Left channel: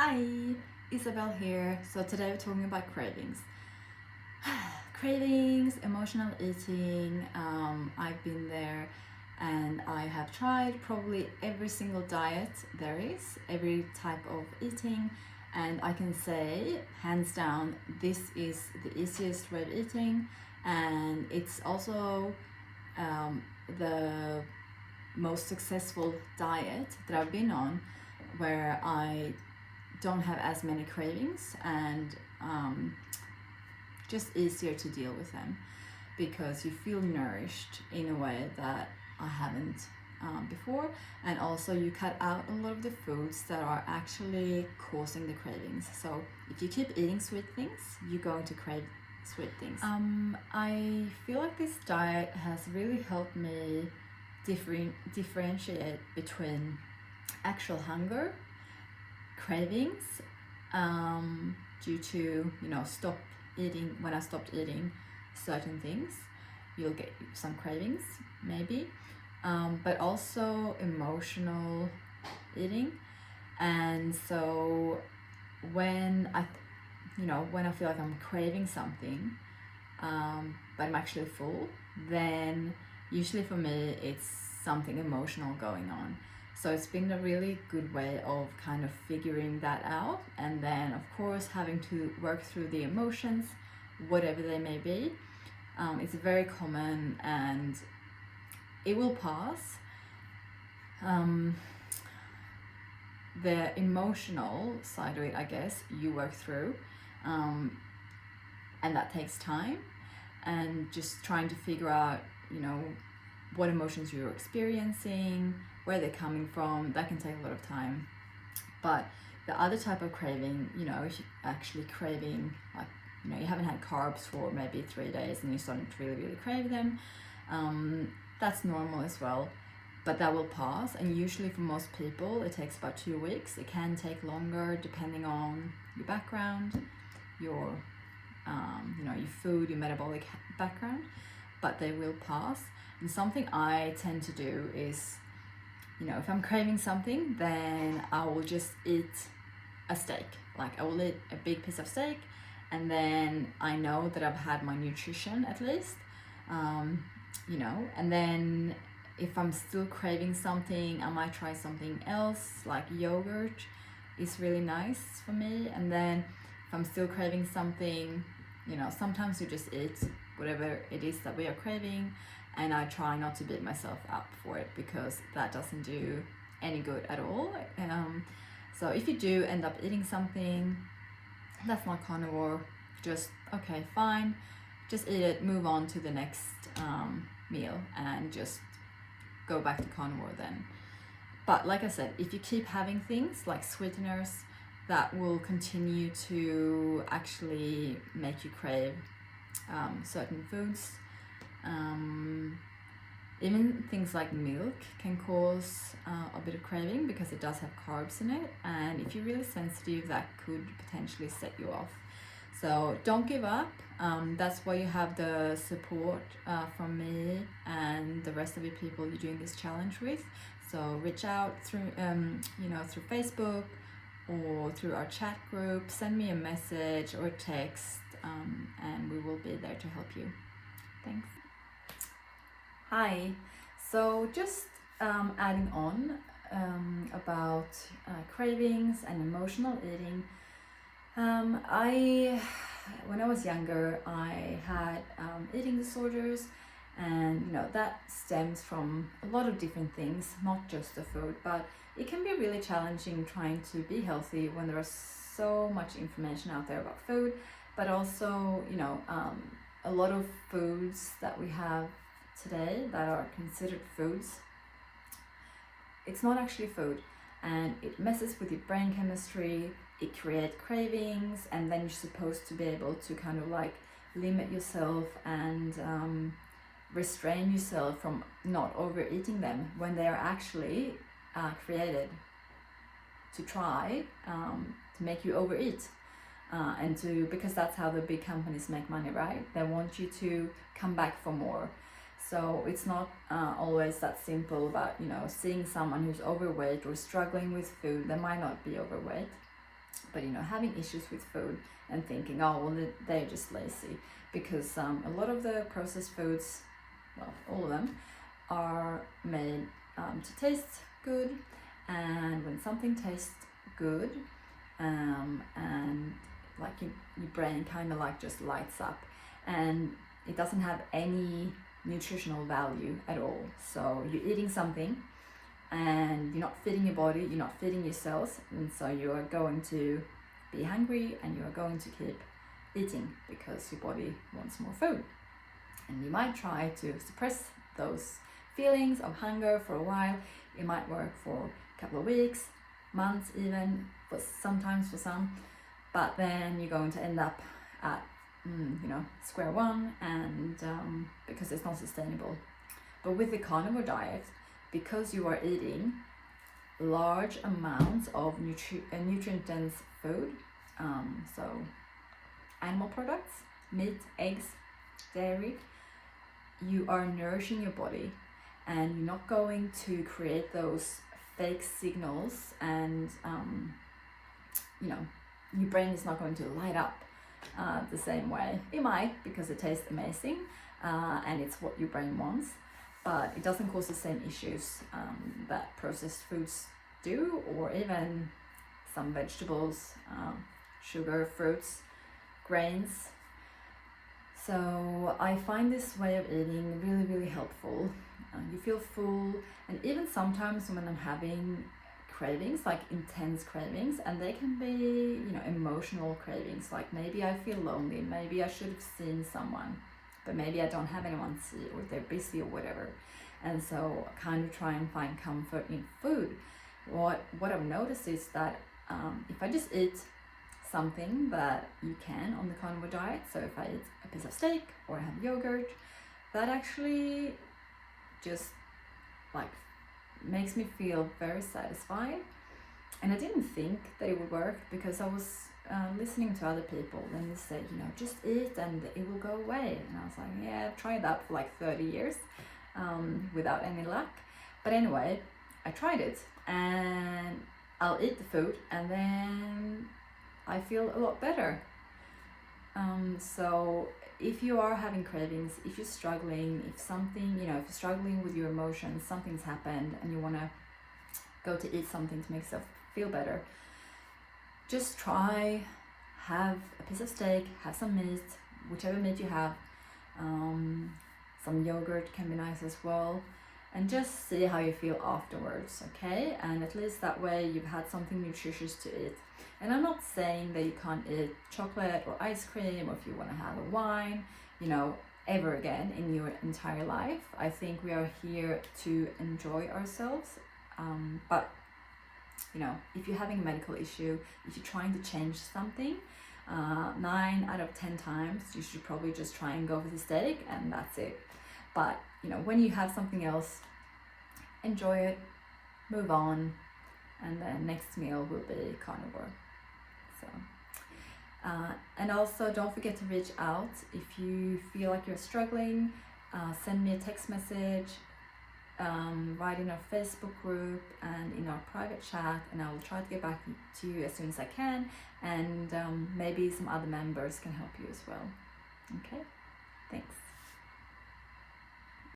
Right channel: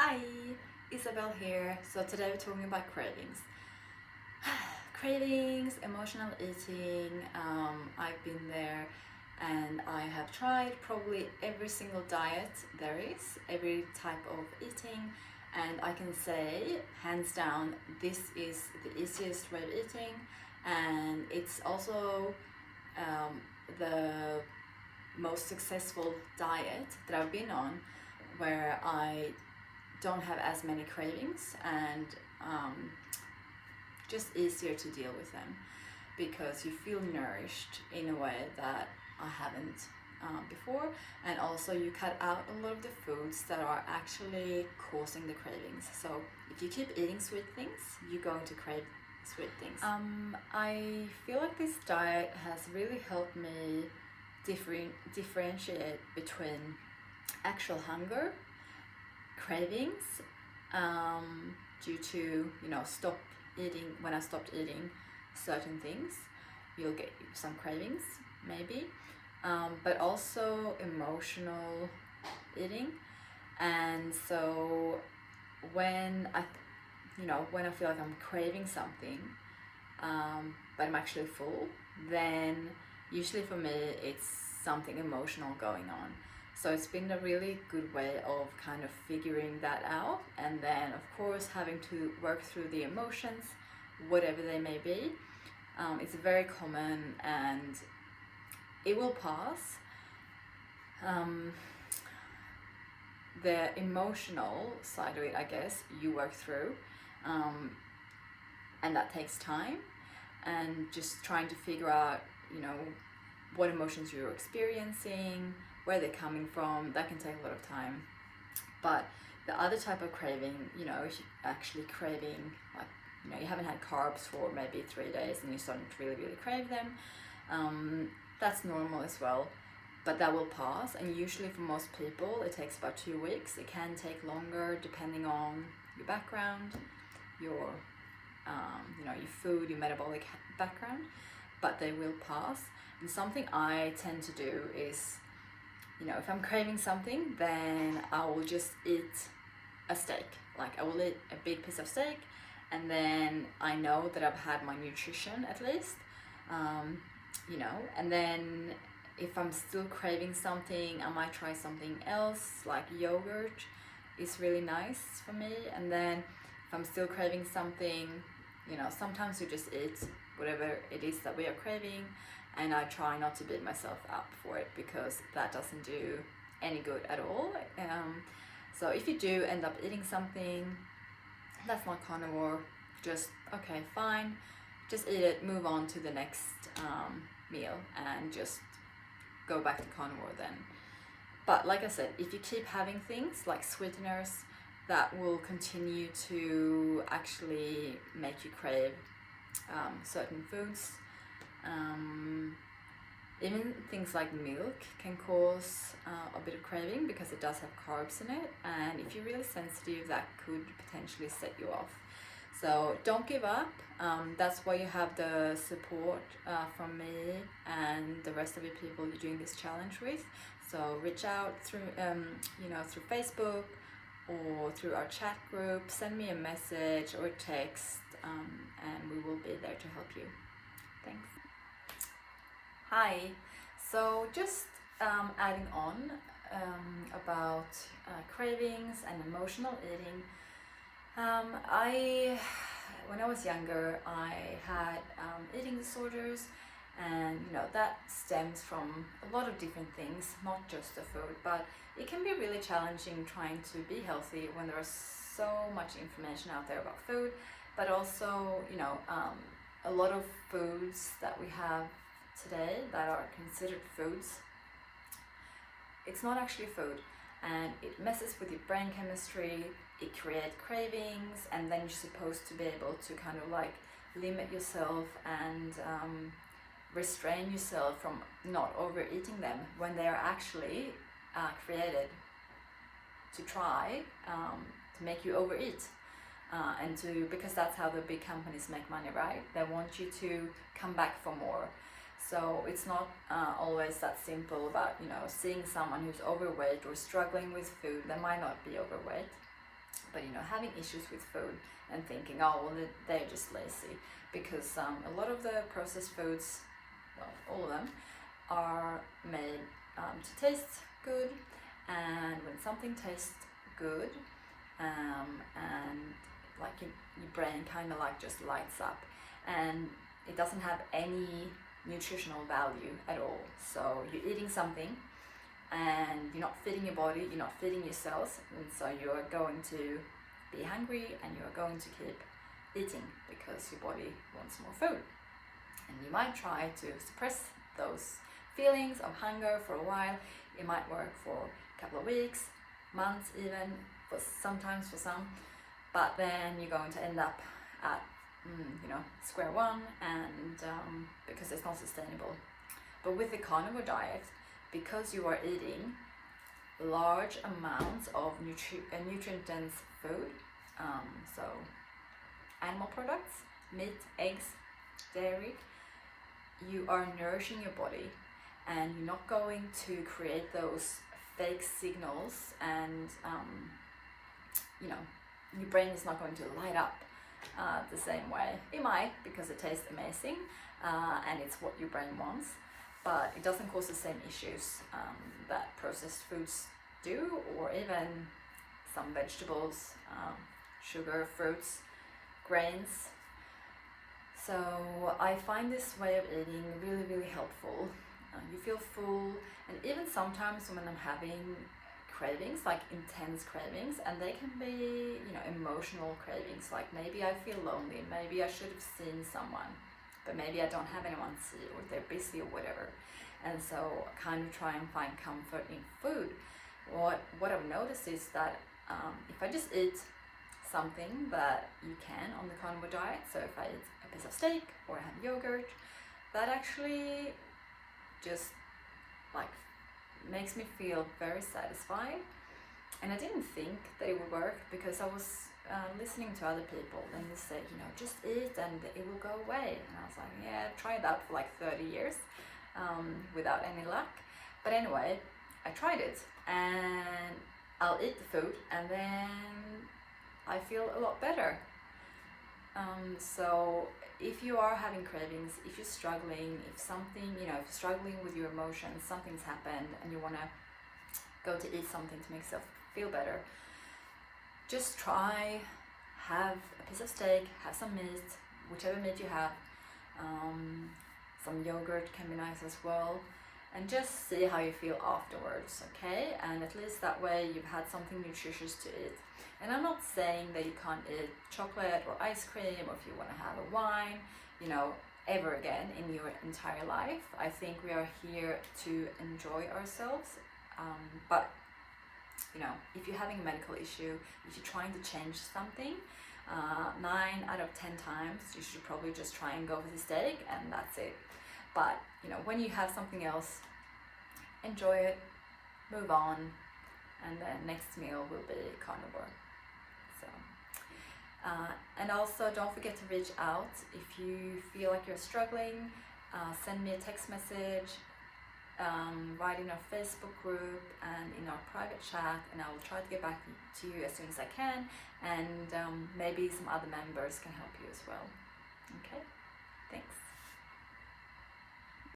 Hi, Isabel here. So today we're talking about cravings. Cravings, emotional eating. I've been there and I have tried probably every single diet there is, every type of eating, and I can say, hands down, this is the easiest way of eating, and it's also the most successful diet that I've been on, where I don't have as many cravings and just easier to deal with them because you feel nourished in a way that I haven't before, and also you cut out a lot of the foods that are actually causing the cravings. So if you keep eating sweet things, you're going to crave sweet things. I feel like this diet has really helped me differentiate between actual hunger, cravings, due to stop eating. When I stopped eating certain things, you'll get some cravings maybe, but also emotional eating. And so when I feel like I'm craving something, but I'm actually full, then usually for me it's something emotional going on. So it's been a really good way of kind of figuring that out, and then of course having to work through the emotions, whatever they may be. It's very common and it will pass. The emotional side of it, I guess, you work through, and that takes time, and just trying to figure out what emotions you're experiencing, where they're coming from, that can take a lot of time. But the other type of craving, if you're actually craving, like, you haven't had carbs for maybe 3 days and you're starting to really crave them, that's normal as well. But that will pass, and usually for most people it takes about 2 weeks. It can take longer depending on your background, your your food, your metabolic background, but they will pass. And something I tend to do is, if I'm craving something, then I will just eat a steak. Like, I will eat a big piece of steak, and then I know that I've had my nutrition at least, and then if I'm still craving something, I might try something else, like yogurt is really nice for me. And then if I'm still craving something, sometimes you just eat whatever it is that we are craving, and I try not to beat myself up for it because that doesn't do any good at all. So if you do end up eating something that's not carnivore, just okay, fine, just eat it, move on to the next meal, and just go back to carnivore then. But like I said, if you keep having things like sweeteners, that will continue to actually make you crave certain foods. Even things like milk can cause a bit of craving because it does have carbs in it, and if you're really sensitive, that could potentially set you off. So don't give up. That's why you have the support from me and the rest of the people you're doing this challenge with. So reach out through through Facebook or through our chat group. Send me a message or text, and we will be there to help you. Thanks. Hi. So just adding on about cravings and emotional eating. When I was younger, I had eating disorders, and that stems from a lot of different things, not just the food, but it can be really challenging trying to be healthy when there is so much information out there about food, but also a lot of foods that we have today that are considered foods, it's not actually food, and it messes with your brain chemistry. It creates cravings, and then you're supposed to be able to kind of like limit yourself and restrain yourself from not overeating them when they are actually created to try to make you overeat, and because that's how the big companies make money, right? They want you to come back for more. So it's not always that simple about seeing someone who's overweight or struggling with food. They might not be overweight, But having issues with food and thinking, oh well, they're just lazy, because a lot of the processed foods, well, all of them, are made to taste good, and when something tastes good, and like your brain kind of like just lights up, and it doesn't have any nutritional value at all. So you're eating something and you're not feeding your body, you're not feeding your cells, and so you are going to be hungry and you are going to keep eating because your body wants more food. And you might try to suppress those feelings of hunger for a while. It might work for a couple of weeks, months even, sometimes for some, but then you're going to end up at square one, and because it's not sustainable. But with the carnivore diet, because you are eating large amounts of nutrient-dense food, so animal products, meat, eggs, dairy, you are nourishing your body, and you're not going to create those fake signals, and your brain is not going to light up the same way. It might, because it tastes amazing and it's what your brain wants, but it doesn't cause the same issues that processed foods do, or even some vegetables, sugar, fruits, grains. So I find this way of eating really, really helpful. You feel full, and even sometimes when I'm having cravings, like intense cravings, and they can be, emotional cravings, like maybe I feel lonely, maybe I should have seen someone, but maybe I don't have anyone to see, or they're busy or whatever. And so I kind of try and find comfort in food. What I've noticed is that if I just eat something that you can on the carnivore diet, so if I eat a piece of steak or I have yogurt, that actually just like makes me feel very satisfied. And I didn't think that it would work, because I was listening to other people, and they said, just eat and it will go away. And I was like, yeah, I've tried that for like 30 years without any luck. But anyway, I tried it, and I'll eat the food and then I feel a lot better. So if you are having cravings, if you're struggling, if you're struggling with your emotions, something's happened and you want to go to eat something to make yourself feel better, just try, have a piece of steak, have some meat, whichever meat you have, some yogurt can be nice as well, and just see how you feel afterwards, okay? And at least that way you've had something nutritious to eat. And I'm not saying that you can't eat chocolate or ice cream, or if you want to have a wine, ever again in your entire life. I think we are here to enjoy ourselves. But if you're having a medical issue, if you're trying to change something, 9 out of 10 times you should probably just try and go for the steak, and that's it. But when you have something else, enjoy it, move on, and then next meal will be carnivore. So and also don't forget to reach out if you feel like you're struggling. Send me a text message, write in our Facebook group and in our private chat, and I will try to get back to you as soon as I can, and maybe some other members can help you as well. Okay, thanks.